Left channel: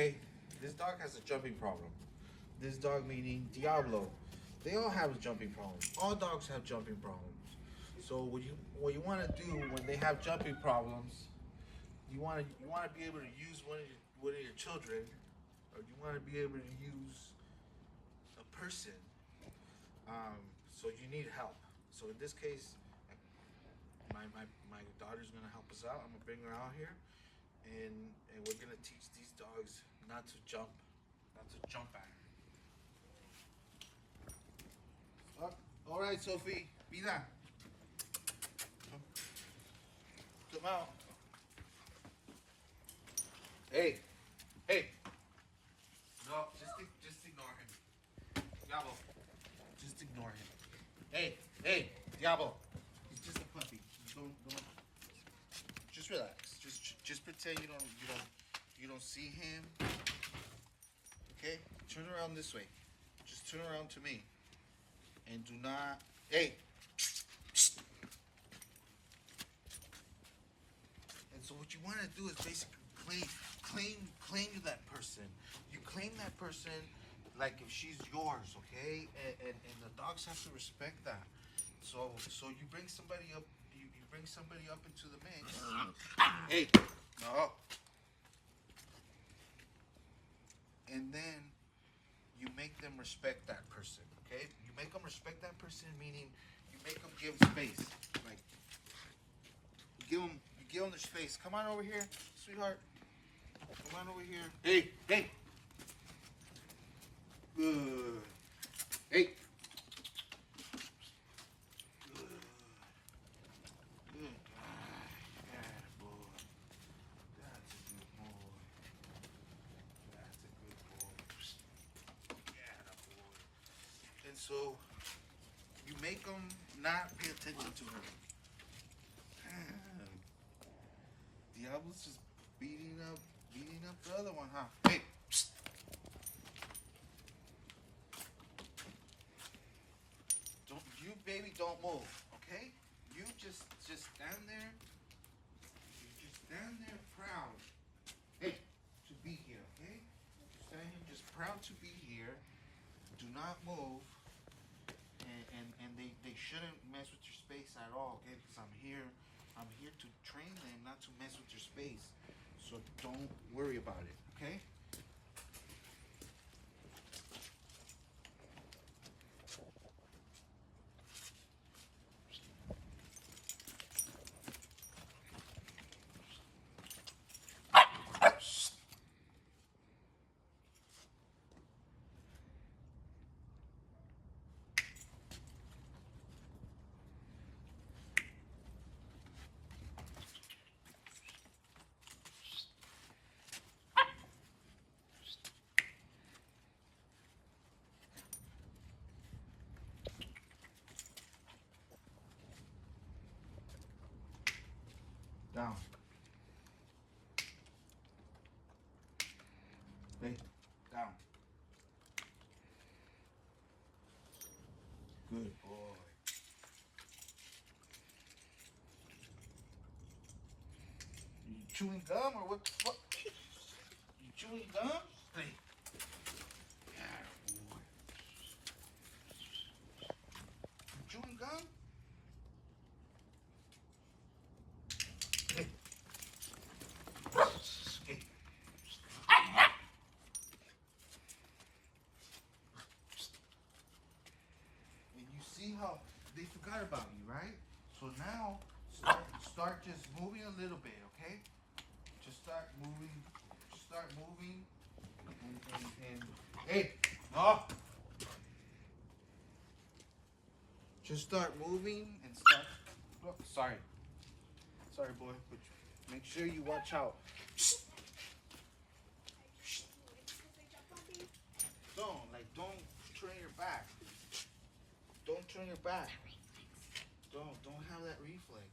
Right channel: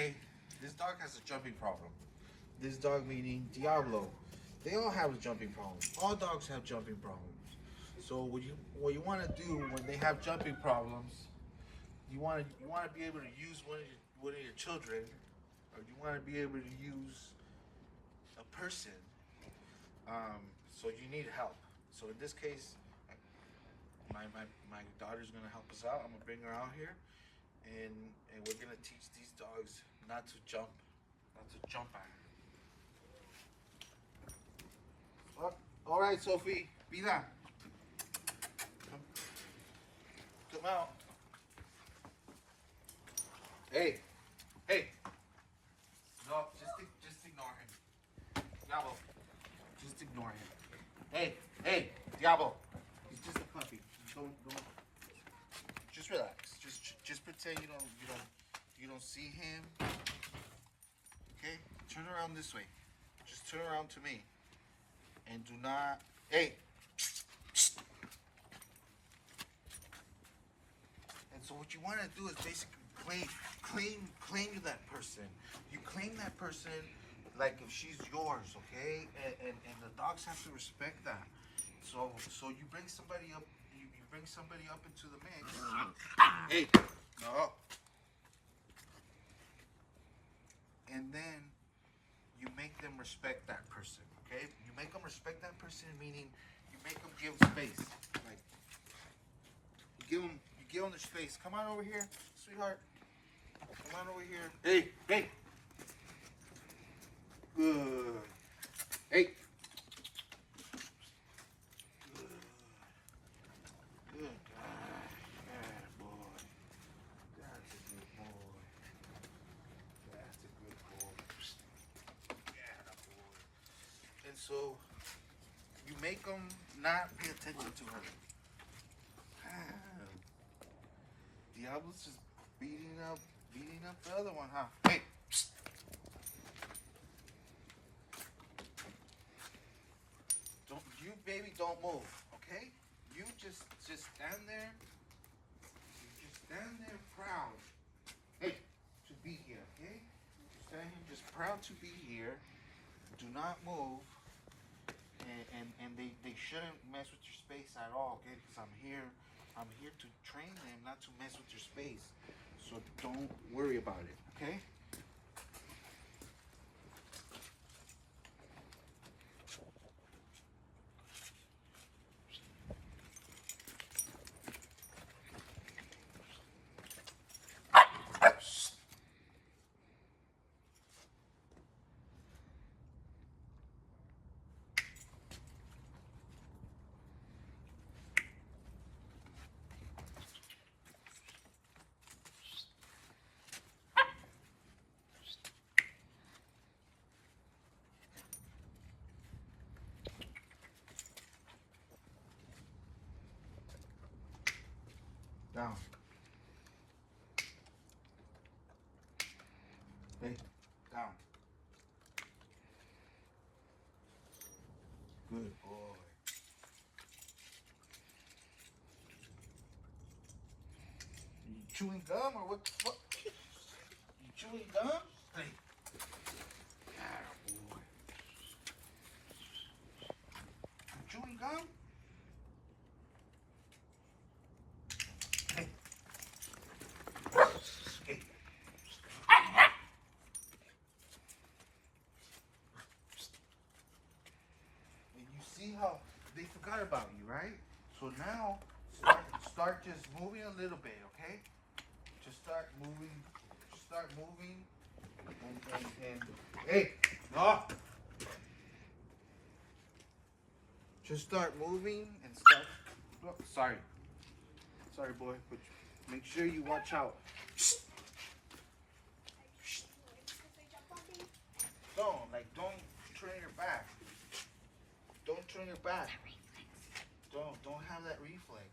Okay, this dog has a jumping problem. This dog meaning Diablo. They all have jumping problems. All dogs have jumping problems. So what you want to do when they have jumping problems, you want to be able to use one of your children, or you want to be able to use a person. So you need help. So in this case, my daughter's gonna help us out. I'm gonna bring her out here, and we're gonna teach these dogs not to jump at her. Oh, all right, Sophie, be that. Come out. Hey, hey. No, just ignore him. Diablo, just ignore him. Hey, Diablo. He's just a puppy. Don't. Just relax. Just pretend you don't see him. Okay? Turn around this way. Just turn around to me. And do not. Hey. And so what you want to do is basically claim that person. You claim that person like if she's yours, okay? And the dogs have to respect that. So you bring somebody up. You bring somebody up into the mix. Hey, no. And then you make them respect that person, okay? You make them respect that person, meaning you make them give space. Like you give them the space. Come on over here, sweetheart. Come on over here. Hey. Good. Hey. Good guy. Yeah, boy. That's a good boy. That's a good boy. Yeah, boy. And so you make them not pay attention to her. Diablo's just beating up the other one, huh? Hey. Don't move, okay? You just stand there. You just stand there proud. Hey, to be here, okay? You stand here just proud to be here. Do not move. And they shouldn't mess with your space at all, okay? Because I'm here to train them not to mess with your space. So don't worry about it, okay? Down. Hey, down. Good boy. You chewing gum or what? You chewing gum? Hey. Yeah, boy. You chewing gum? Hey. Hey. And you see how they forgot about you, right? So now start just moving a little bit, okay? Just start moving. And hey, no. Just start moving and start. Oh, sorry, boy. But make sure you watch out. Don't turn your back. Don't turn your back. Don't have that reflex.